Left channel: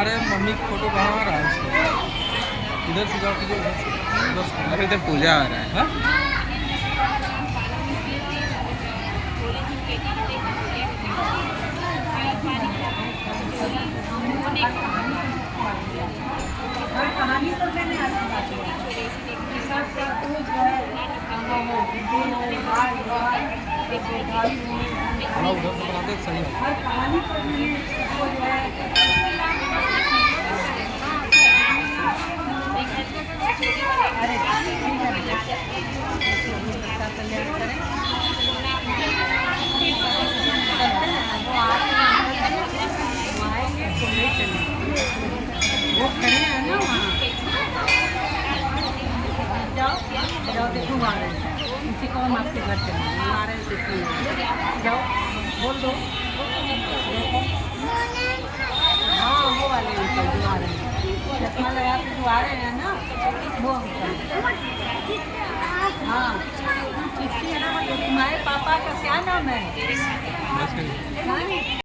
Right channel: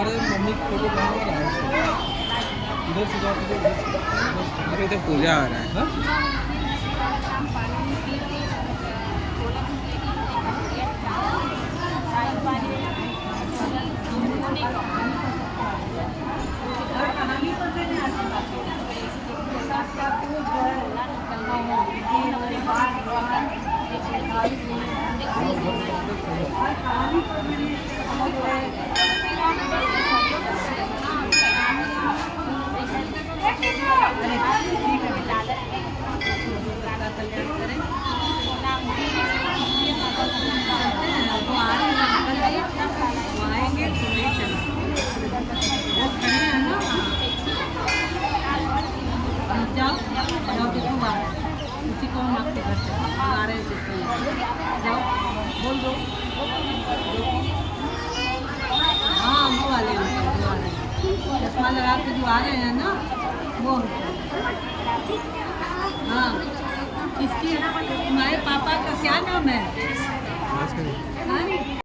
अरे mummy photo कहाँ आ रहा है? इधर से जाओ, इधर। अरे इधर पूजा हो रहा है। हाँ? सही उसी को हम आपके घर से आ रहे थे। बोल दो। हाँ वो वाले अंकल जो आ रहे हैं, चश्मा लगा के जो आ रहे हैं ना, वो अंकल। हाँ इसकी तुम्हारे पापा का क्या नाम है? बस करिए।